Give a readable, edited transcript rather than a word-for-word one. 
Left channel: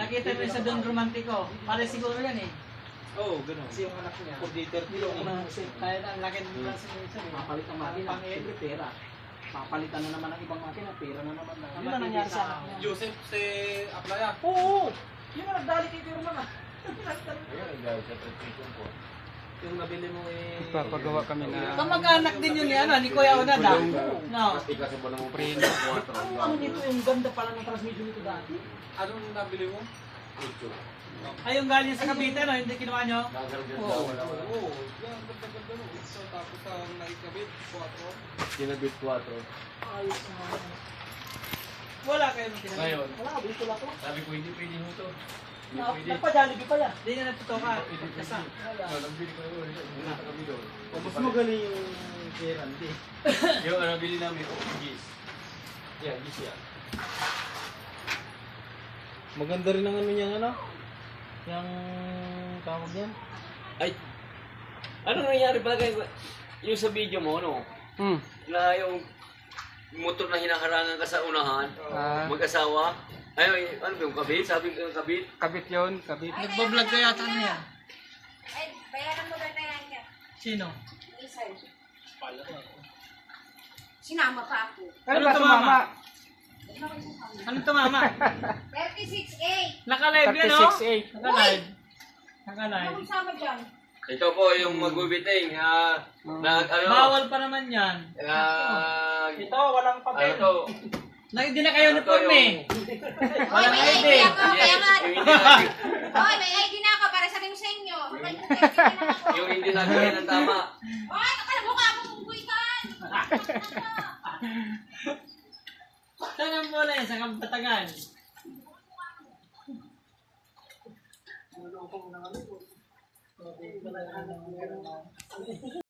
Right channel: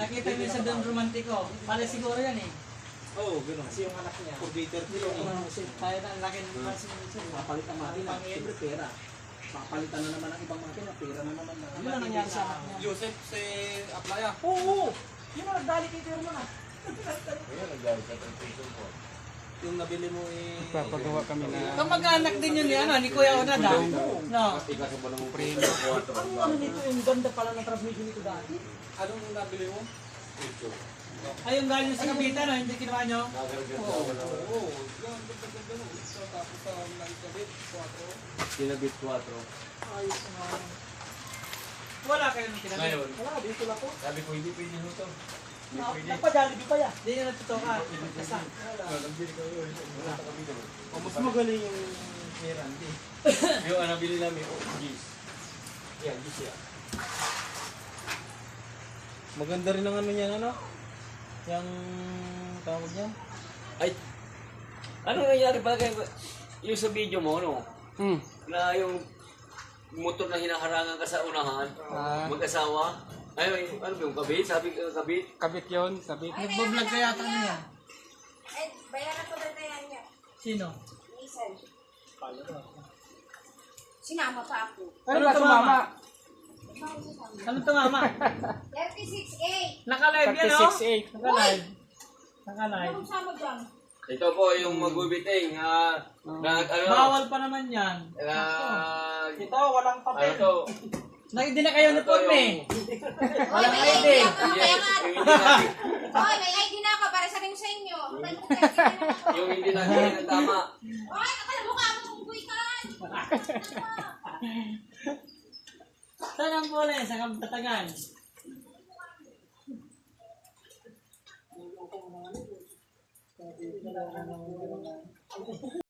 Nakita mo yun sa Don Romantico. Pare siguro yan eh. Oo, gano'n. Kasi yung anak niya, 430 yung Tayo na, laki ng mga signature. papalit ang makina, siyempre pera. Papalitan na naman ang ibang makina, pera na naman. Yun ang Mabibili nangyari sa sa- anak niya. Joseph si Aplaya. Oo! Yun ang nagdali kay Kuya na. Yung nabili mo eh. Papagawa kami na Kamag-anak din yun yan, ni Kuya Unad ah. No. Ang ano nito, yung ganda pala ng transmission nito dati. Anong nabili mo? Ay, yung galing sa Cavite, no? Hindi kinuha nyo? Oo. Yan, ganda-ganda no. So, tapos sa naikabit, 4. Kinabit 4. Ayos naman. Wala kayo nung kinamit. Ngayon, Wala, dito lang to. sabi ko hindi pwede mo to. Hindi pwede. Nagpa-Jollibee pa yan. Hindi na natutukan. Kasi, Nagbili ko yun. Wala na kami doon. Mas magaling yung kay Randy. Yung ano bili namin, gis. Yan, gis yan. Maganda rin ang ano niyang ano? Yung tawag niyan? Ay! Ano nangyari ba kayo? Yung sa video mo, no? Na yung motor na hinaharangan ka sa unahan, mag-asawa. Ay, ano ba yung kabit? Sabi ko kabit. kabit yon, kabit. nagbablog ka yata niya. Ay, bayaran mo na yan niya. Sino? Minsan. Sinama pa ako. Ano Ano ba to, sumama? Anong tumama? 36A. Naka-live yan, no? 36.8. Naka-live. Ano Naka-live. kung sama dyan? Ito po yung magbibiting. Nag, ano? Bawal pa naman yan. Ito, walang Ano papel. to? Hindi na kayo uniform eh. Oy, may ID. ID ako. Kaya nga. Yung hindi natin, Oy, may ID na ako para sabihin sa inyo. May ID na ako. yung hindi natin ng tama. Oy, kakala mukha mo kung buwitan. Saan ang bola eh? Sa Kabatagan.